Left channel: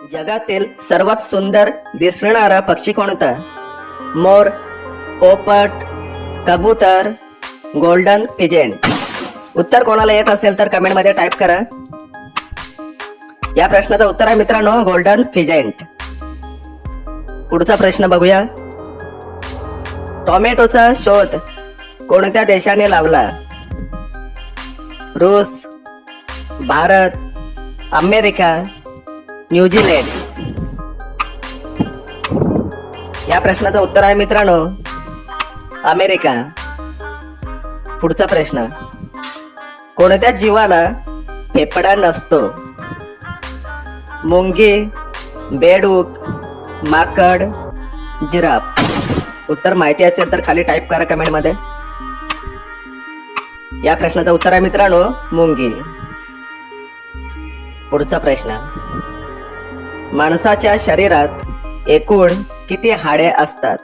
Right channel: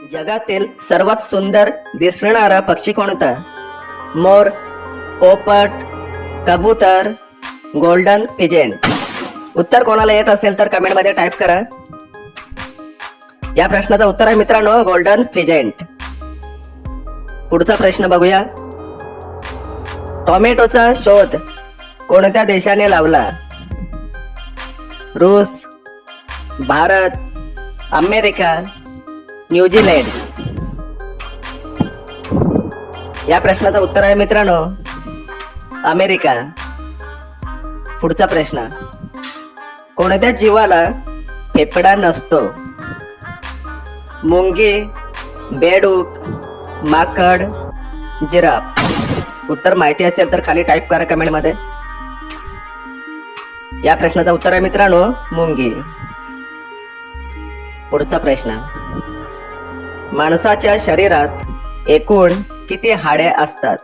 जगातील सर्वात सुंदर दिसणारा पक्षी कोणता? मोर पोपट कबूतर गोल्डन पिजेंट. उत्तर कोणाला येत असेल तर कमेंटमध्ये टाईप करा. या प्रश्नाचं उत्तर आहे मित्रांनो गोल्डन फिजेंट पुढचा प्रश्न बघूया. टोमॅटोचा शोध कोणत्या देशाने लावला? रूस भारत अमेरिका न्यूझीलँड. या प्रश्नाचं उत्तर आहे मित्रांनो अमेरिका. पुढचा प्रश्न कोणत्या जीवाला फेफडा नसतो? मुंगी बेडूक माकड जिराफ. उत्तर माहिती असेल तर खाली टाईप करा कमेंटमध्ये या प्रश्नाचं उत्तर आहे मित्रांनो मुंगी. पुढचा प्रश्न माणसाच्या शरीरात एकूण किती हाडे असतात?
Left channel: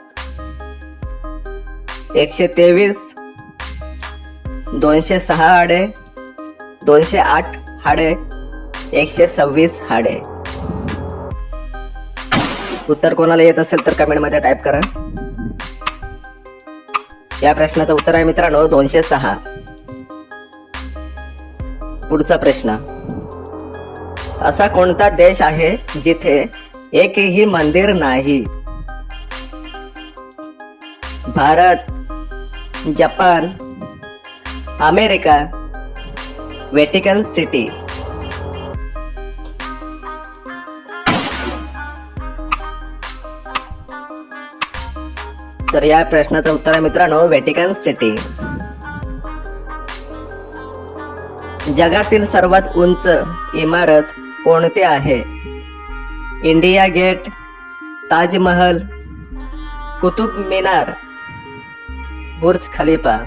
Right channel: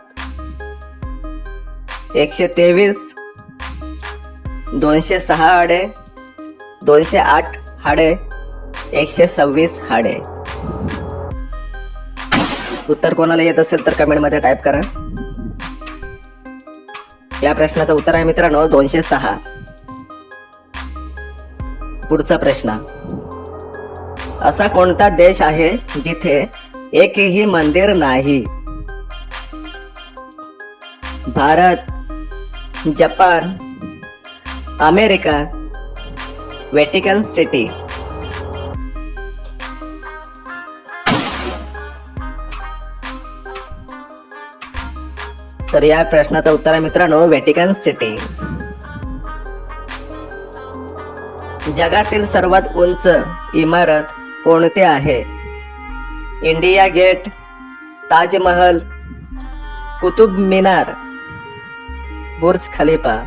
एकशे तेवीस दोनशे सहा हाडे दोनशे आठ हाडे एकशे सव्वीस हाडे. उत्तर कोणाला येत असेल तर कमेंटमध्ये टाईप करा. या प्रश्नाचं उत्तर आहे मित्रांनो दोनशे सहा. पुढचा प्रश्न. असा कोणता देश आहे जिथे एकही मंदिर नाही? Bharat Japan America Vatican City. तर या प्रश्नाचं उत्तर आहे मित्रांनो वेटिकन सिटी. जगातील सर्वात उंच इमारत कोणते आहे? India Gate Taj Mahal Qutub Minar Burj Khalifa.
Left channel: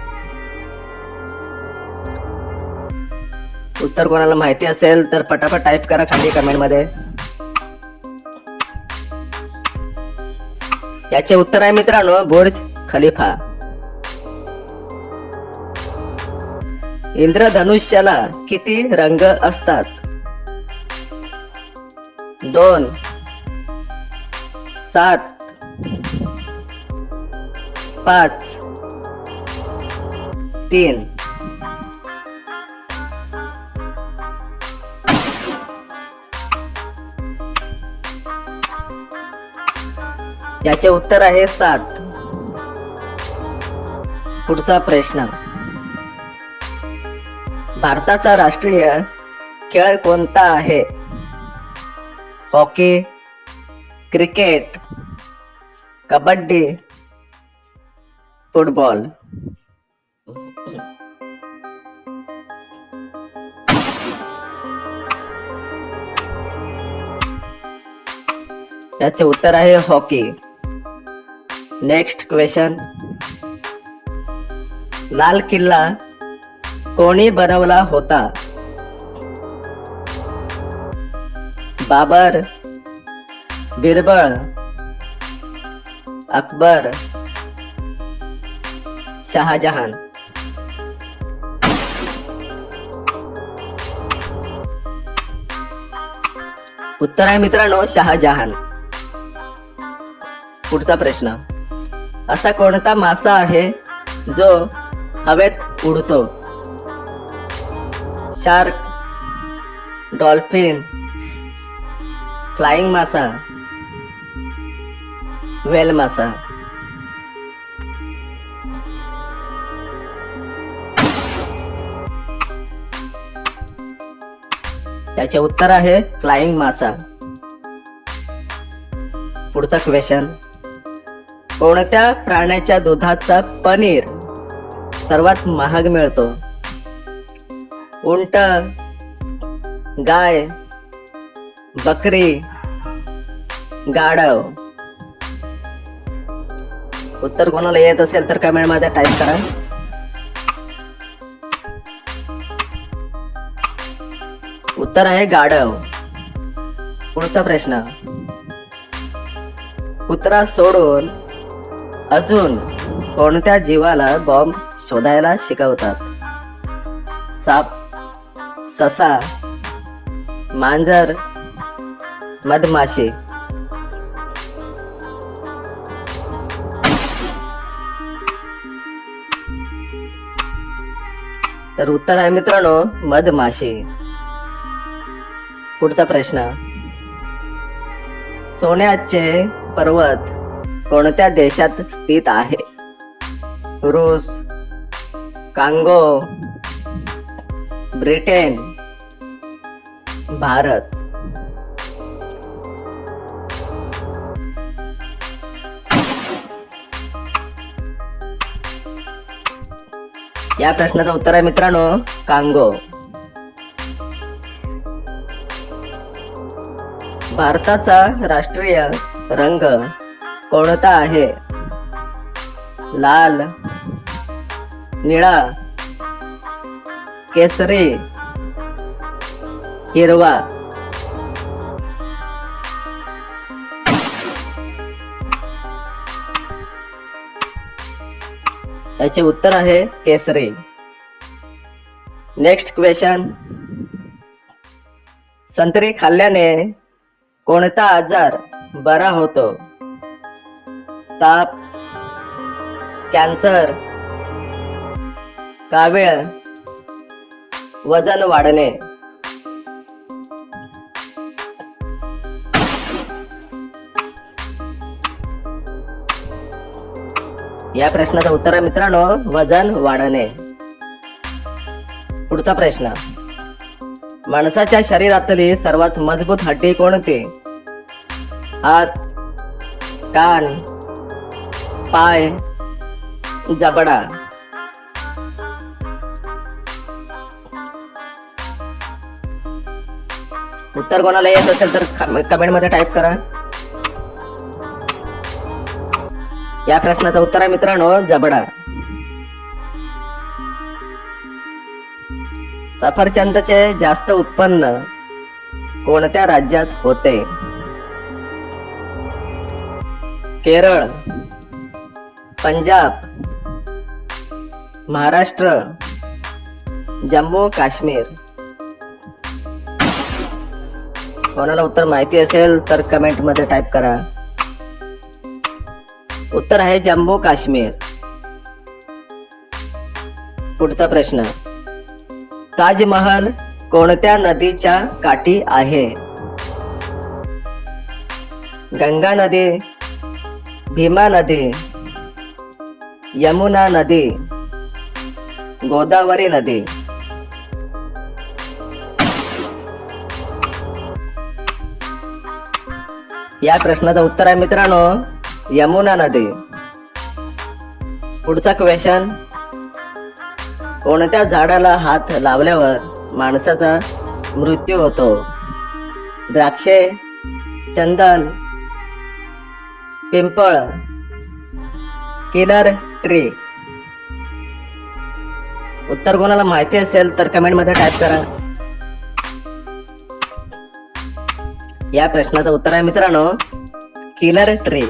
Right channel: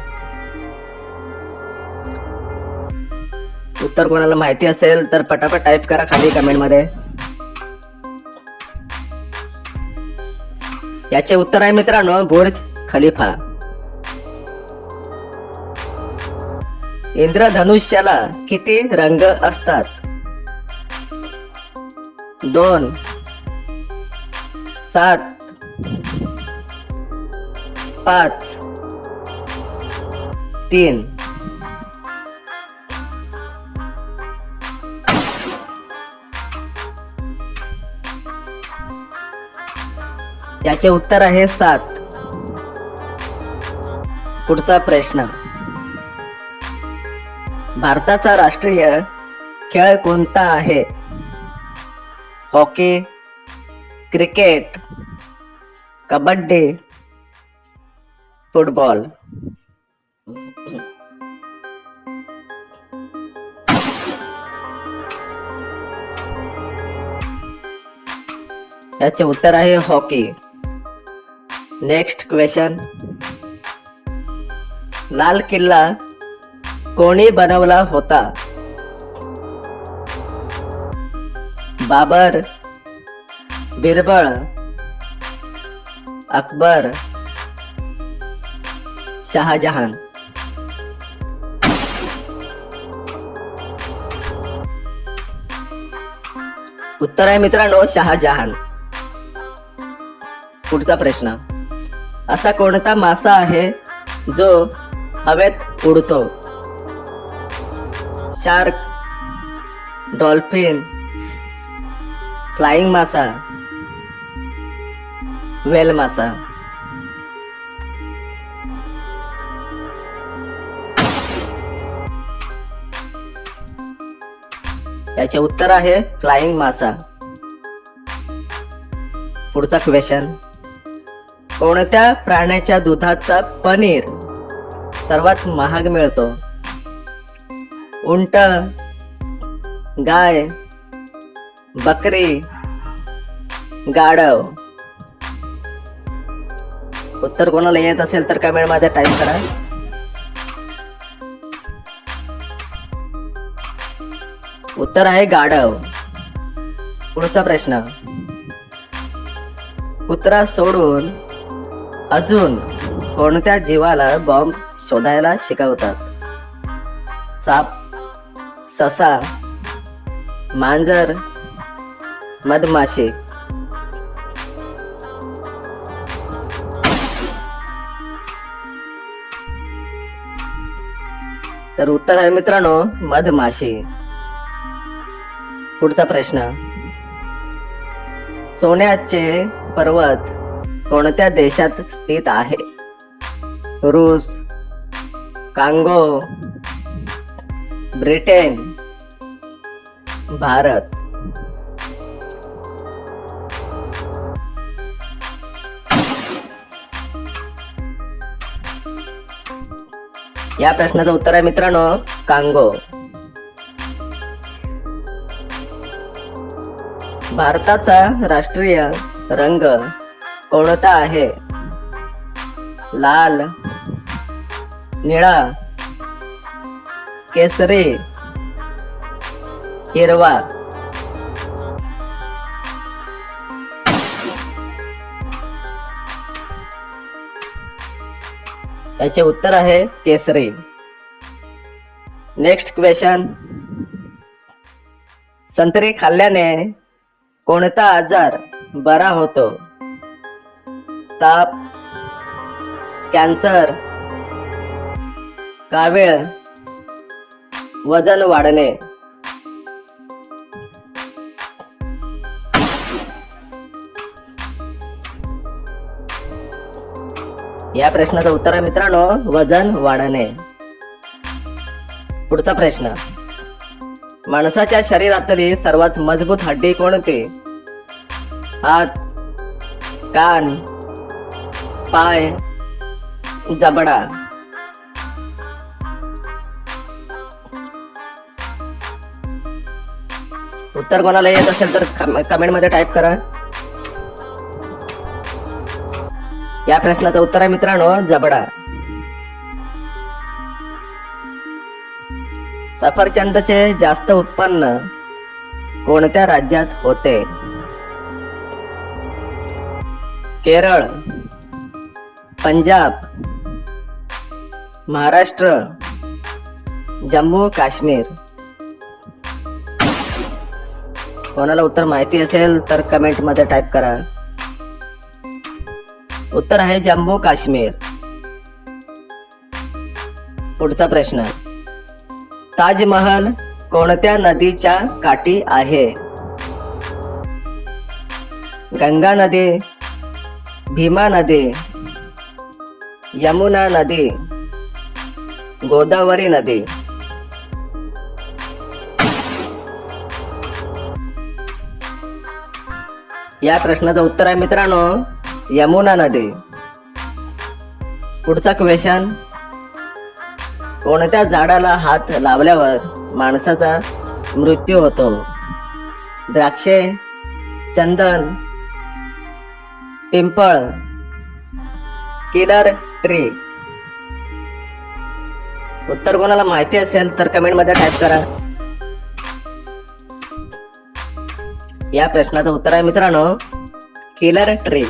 उत्तर कोणाला माहिती असेल तर पटापट टाईप करा खाली कमेंटमध्ये. याचे उत्तर आहे मित्रांनो बुर्ज खलिफा. इंद्रधनुष्याला किती रंग असतात? दोन सात पाच तीन. याचे उत्तर आहे सात. पुढचा प्रश्न. भारताचा राष्ट्रीय खेळ कोणता आहे? Hockey cricket kabaddi football. याचे उत्तर आहे हॉकी. नेक्स्ट क्वेश्चन लाल किल्ला कोणी बनवला होता? बाबर बिरबळ अकबर शहाजहान. उत्तर आहे मित्रांनो शहाजहान. पुढचा प्रश्न. असा कोणता मासा आहे जो हवेत उडतो? शार्क डॉल्फिन फ्लाइंग मासा वेल मासा। याचे उत्तर आहे फ्लाइंग मासा। पुढचा क्वेश्चन कोणत्या प्राण्याच्या दुधाचा पनीर सर्वात महाग मिळतो? उंट गाय बकरी गाढव. उत्तर कोणाला येत असेल तर कमेंटमध्ये टाईप करा. उत्तर आहे गाढव. पुढचा प्रश्न. कुत्रा सोडून अजून कोणत्या जीवाला बॉम्ब शोधायला शिकवतात? साप ससा मांजर मधमाशी. तर उत्तर आहे मित्रांनो मधमाशी. पुढचा प्रश्न. सोन्याचे पर्वत कोणत्या देशात स्थित आहे? रूस कांगो ब्रिटेन भारत. या प्रश्नाचं उत्तर आहे मित्रांनो कांगो. भारताचा राष्ट्रीय रंग कोणता आहे? लाल निळा केसरी हिरवा. याचे उत्तर आहे केसरी. नेक्स्ट क्वेश्चन संत्री खाल्ल्याने कोणता आजार बरा होतो? ताप कॅन्सर कावेळ वजन वाढणे. या प्रश्नाचं उत्तर आहे मित्रांनो वजन वाढणे. पुढचा प्रश्न. माणसाच्या शरीरातली सर्वात मजबूत हड्डी कोणती? हात कान पाय जबडा. उत्तर कोणाला येत असेल तर कमेंटमध्ये टाईप करा. या प्रश्नाचं उत्तर आहे मित्रांनो जबडा. सफरचंदचे जास्त उत्पन्न कोणत्या राज्यात होते? केरळ पंजाब महाराष्ट्र जम्मू काश्मीर. कोणाला उत्तर माहिती असेल तर कमेंटमध्ये टाईप करा. उत्तर आहे जम्मू काश्मीर. पुढचा प्रश्न. ताजमहल कोणत्या नदीच्या काठी आहे? गंगा नदी भीमा नदी यमुना नदी गोदावरी नदी. या प्रश्नाचं उत्तर आहे मित्रांनो यमुना नदी. पुढचा क्वेश्चन कोणत्या झाडाला हात लावल्यावर माणसाचा मृत्यू होतो? द्राक्षे चंदन पिंपळ किलर ट्री उत्तर कोणाला माहिती असेल तर कमेंटमध्ये टाईप करा. या प्रश्नाचं उत्तर आहे मित्रांनो किलर ट्री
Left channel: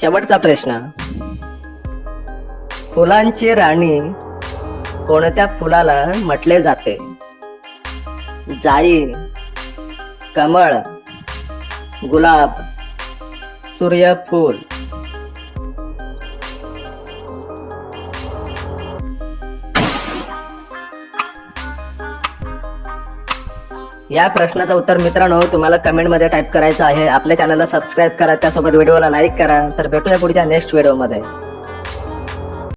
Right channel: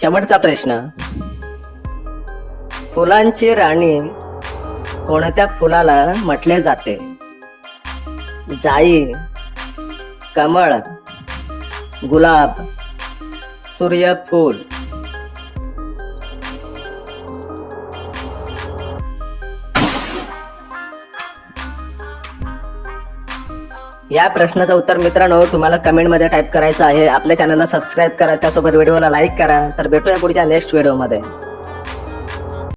शेवटचा प्रश्न. फुलांची राणी कोणत्या फुलाला म्हटले जाते? जाई कमळ गुलाब सूर्यफूल. या प्रश्नाचं उत्तर मित्रांनो तुम्हाला कमेंटमध्ये टाईप करायचं आहे. आपल्या चॅनलला सबस्क्राईब करा त्यासोबत व्हिडिओला लाईक करा. तर भेटूया पुढच्या नेक्स्ट व्हिडिओमध्ये